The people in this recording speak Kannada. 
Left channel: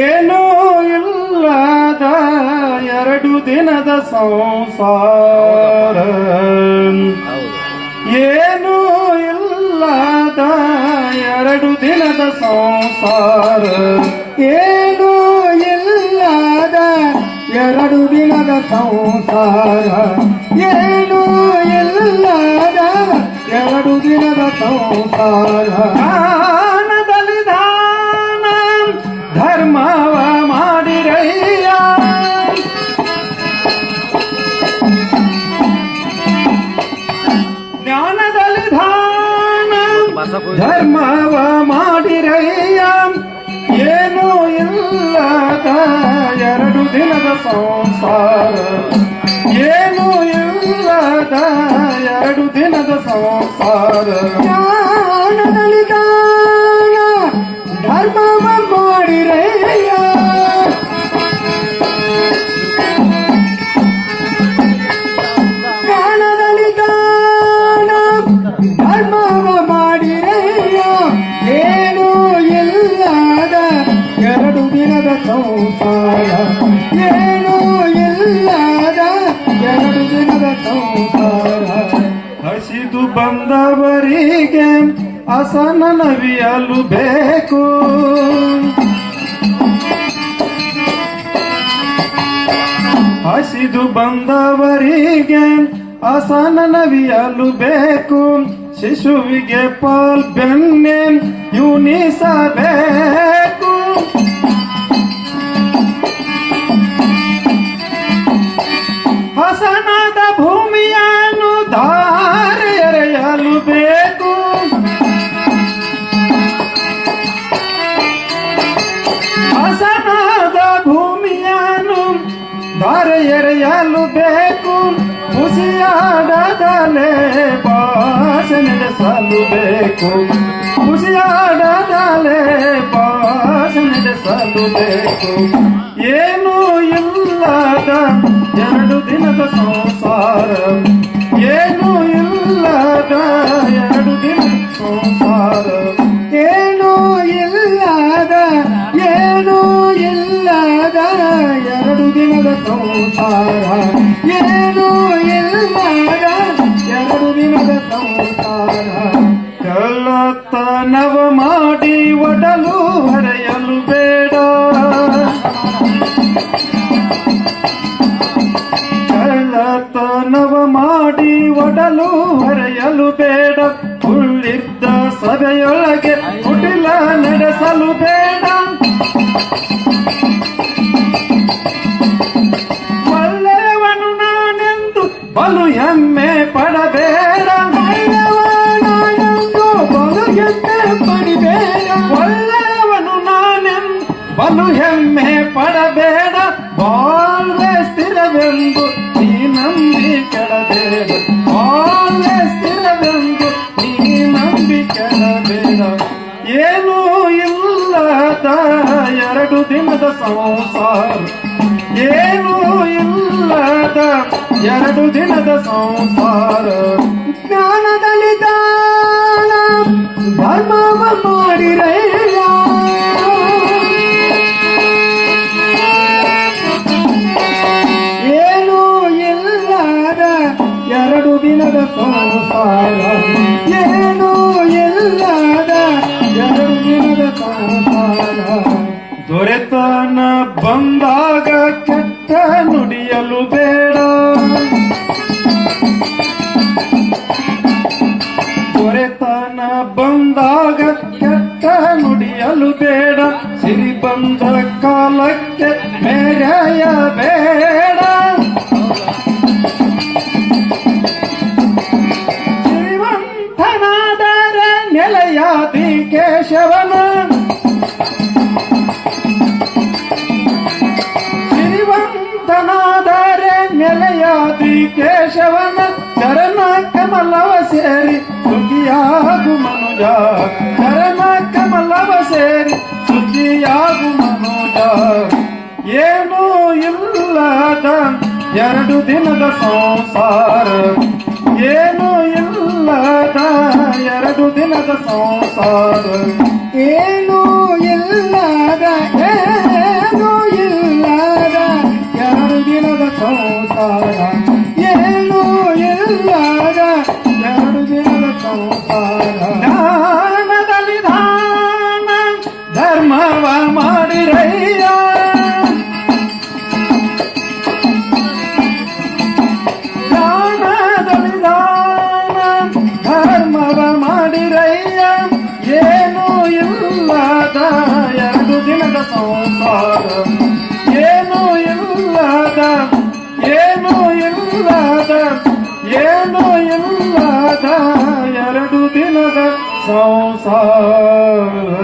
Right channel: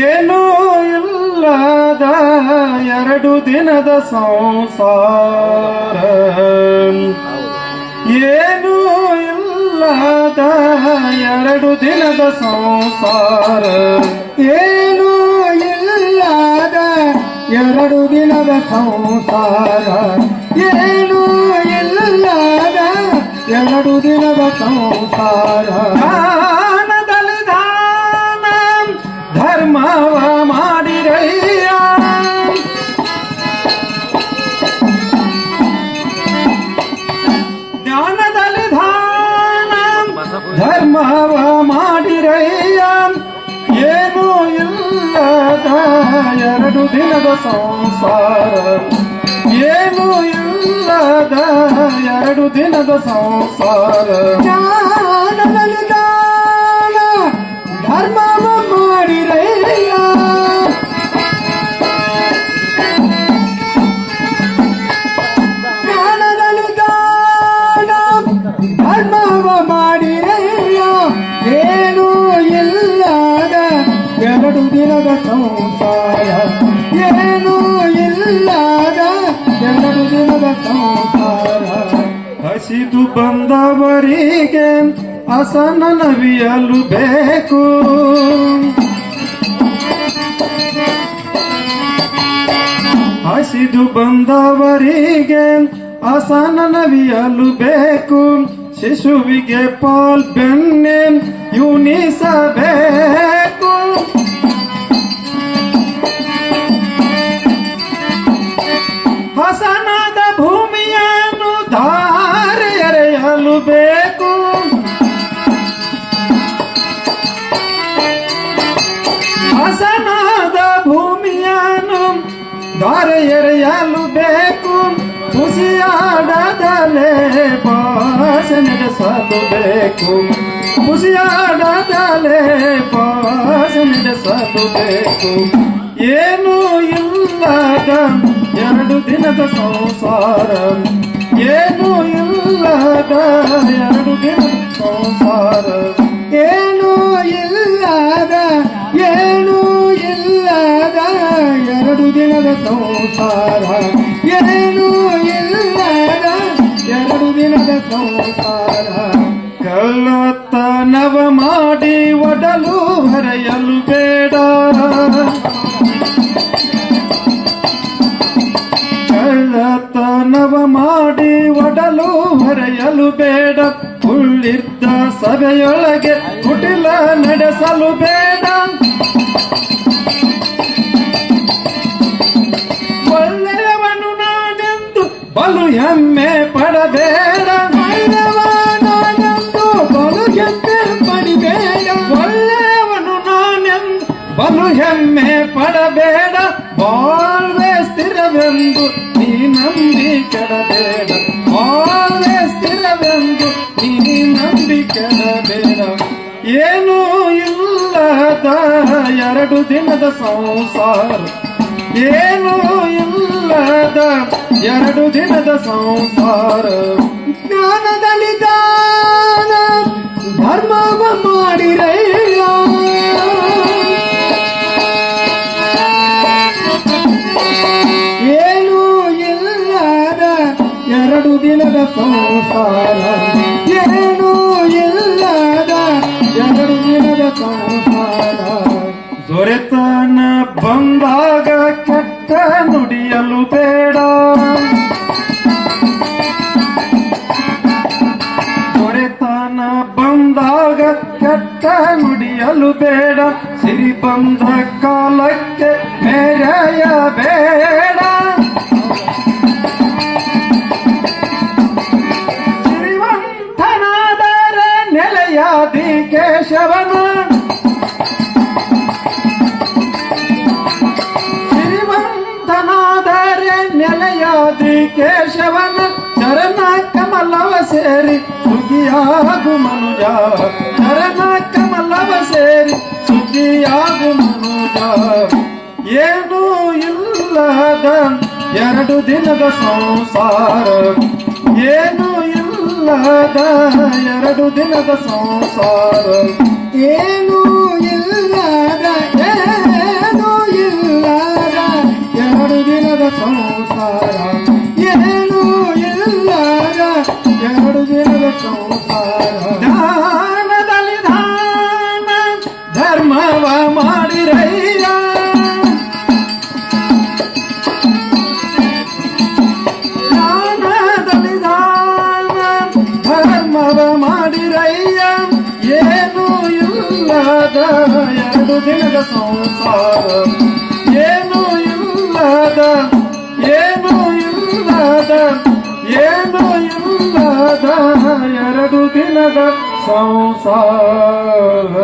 ಏನೂ ಇಲ್ಲದ 2 ದಿನದ ಸಂಸಾರ, ಏನೂ ಇಲ್ಲದ 2 ದಿನದ ಸಂಸಾರ, ಏನೂ ಇಲ್ಲದ 2 ದಿನದ ಸಂಸಾರ, ಏನೂ ಇಲ್ಲದ 2 ದಿನದ ಸಂಸಾರ. ದಾನದಲ್ಲಿ ದಾನ ಧರ್ಮವ ಮಾಡಿರಯ್ಯ, ಜ್ಞಾನದಲ್ಲಿ ದಾನ ಧರ್ಮವ ಮಾಡಿರಯ್ಯ. ಏನೂ ಇಲ್ಲದ 2 ದಿನದ ಸಂಸಾರ, ಏನೂ ಇಲ್ಲದ 2 ದಿನದ ಸಂಸಾರ. ಜ್ಞಾನದಲ್ಲಿ ದಾನ ಧರ್ಮವ ಮಾಡಿರಯ್ಯ, ಜ್ಞಾನದಲ್ಲಿ ದಾನ ಧರ್ಮವ ಮಾಡಿರಯ್ಯ. ಏನೂ ಇಲ್ಲದ 2 ದಿನದ ಸಂಸಾರ, ಏನೂ ಇಲ್ಲದ 2 ದಿನದ ಸಂಸಾರ. ಹಸಿದು ಬಂದವರಿಗೆ ಹಸನ ನವಿಯಲು ಬೇಕು, ಹಸಿದು ಬಂದವರಿಗೆ ಹಸನ ನವಿಯಲು ಬೇಕು. ಶಿಶುವಿಗೆ ಪಾಲ್ ಬೆಣ್ಣೆ ಯುನಿಸಬೇಕು, ಹಸನದ ಭೂಮಿಯನ್ನು ಧಾರೆ ಎರೆಯಲು ಬೇಕು. ಹಸನದ ಭೂಮಿಯನ್ನು ಧಾರೆ ಎರೆಯಲು ಬೇಕು. ಖುಷಿಯಾಡದಲೇ ಭಾಷೆ ನಡೆಸಲು ಬೇಕು, ಖುಷಿಯಾಡದಲೇ ಭಾಷೆ ನಡೆಸಲು ಬೇಕು. ಏನೂ ಇಲ್ಲದ 2 ದಿನದ ಸಂಸಾರ, ಏನೂ ಇಲ್ಲದ 2 ದಿನದ ಸಂಸಾರ. ಏನೂ ಇಲ್ಲದ, ಏನೂ ಇಲ್ಲದ 2 ದಿನದ ಸಂಸಾರ, ಏನೂ ಇಲ್ಲದ 2 ದಿನದ ಸಂಸಾರ. ಕಳ್ಳತನವ ಮಾಡಿ ಒಡಲು ಹರೆಯಲು ಬೇಡ, ಕಳ್ಳತನವ ಮಾಡಿ ಒಡಲು ಹರೆಯಲು ಬೇಡ. ಉಳ್ಳಿದ್ದ ಸಭೆಯೊಳಗೆ ಕುಟಿಲ ನಡೆಸಲು ಬೇಡ. ಒಳ್ಳೆಯವನು ನಾನೆಂದು ಬಲು ಹೆಮ್ಮೆ ಪಡಬೇಡ, ಬಲು ಹೆಮ್ಮೆ ಪಡಿಬೇಡ. ಒಳ್ಳೆಯವನು ನಾನೆಂದು ಬಲು ಹೆಮ್ಮೆ ಪಡಬೇಡ. ಬಾಳ್ವೆ ಸ್ಥಿರವೆಂದು ನೀ ನಂಬಿ ಕೆಡಬೇಡ, ಬಾಳ್ವೆ ಸ್ಥಿರವೆಂದು ನೀ ನಂಬಿ ಕೆಡಬೇಡ. ಏನೂ ಇಲ್ಲದ 2 ದಿನದ ಸಂಸಾರ, ಏನೂ ಇಲ್ಲದ 2 ದಿನದ ಸಂಸಾರ. ಜ್ಞಾನದಲ್ಲಿ ದಾನ ಧರ್ಮವ ಮಾಡಿರಯ್ಯ, ಏನೂ ಇಲ್ಲದ 2 ದಿನದ ಸಂಸಾರ, ಏನೂ ಇಲ್ಲದ 2 ದಿನದ ಸಂಸಾರ. ದೊರೆತನ ಬಂದಾಗ ಕೆಟ್ಟ ನುಡಿಯಲು ಬೇಡ, ದೊರೆತನ ಬಂದಾಗ ಕೆಟ್ಟ ನುಡಿಯಲು ಬೇಡ. ಸಿರಿ ಬಂದ ಕಾಲಕ್ಕೆ ಮೆರೆಯಬೇಡ, ಸಿರಿವಂತನಾದರೆ ನೆಲೆಯಾದಿ ಕೇಶವನ, ಸಿರಿವಂತನಾದರೆ ನೆಲೆಯಾದಿ ಕೇಶವನ. ಚರಣ ಕಮಲವ ಸೇರಿ ಸುದ್ದಿಯಾಗು ಮನುಜ, ಚರಣ ಕಮಲವ ಸೇರಿ ಸುದ್ದಿಯಾಗು ಮನುಜ. ಏನೂ ಇಲ್ಲದ ಎರಡು ದಿನದ ಸಂಸಾರ ಏನೂ ಇಲ್ಲದ ಎರಡು ದಿನದ ಸಂಸಾರ ಏನೂ ಇಲ್ಲದ ಎರಡು ದಿನದ ಸಂಸಾರ ಏನೂ ಇಲ್ಲದ ಎರಡು ದಿನದ ಸಂಸಾರ ದಾನದಲ್ಲಿ ದಾನ ಧರ್ಮವ ಮಾಡಿರಯ್ಯ ದಾನದಲ್ಲಿ ದಾನ ಧರ್ಮವ ಮಾಡಿರಯ್ಯ ಏನೂ ಇಲ್ಲದ ಎರಡು ದಿನದ ಸಂಸಾರ ಏನೂ ಇಲ್ಲದ ಏನೂ ಇಲ್ಲದ ಏನೂ ಇಲ್ಲದ ಎರಡು ದಿನದ ಸಂಸಾರ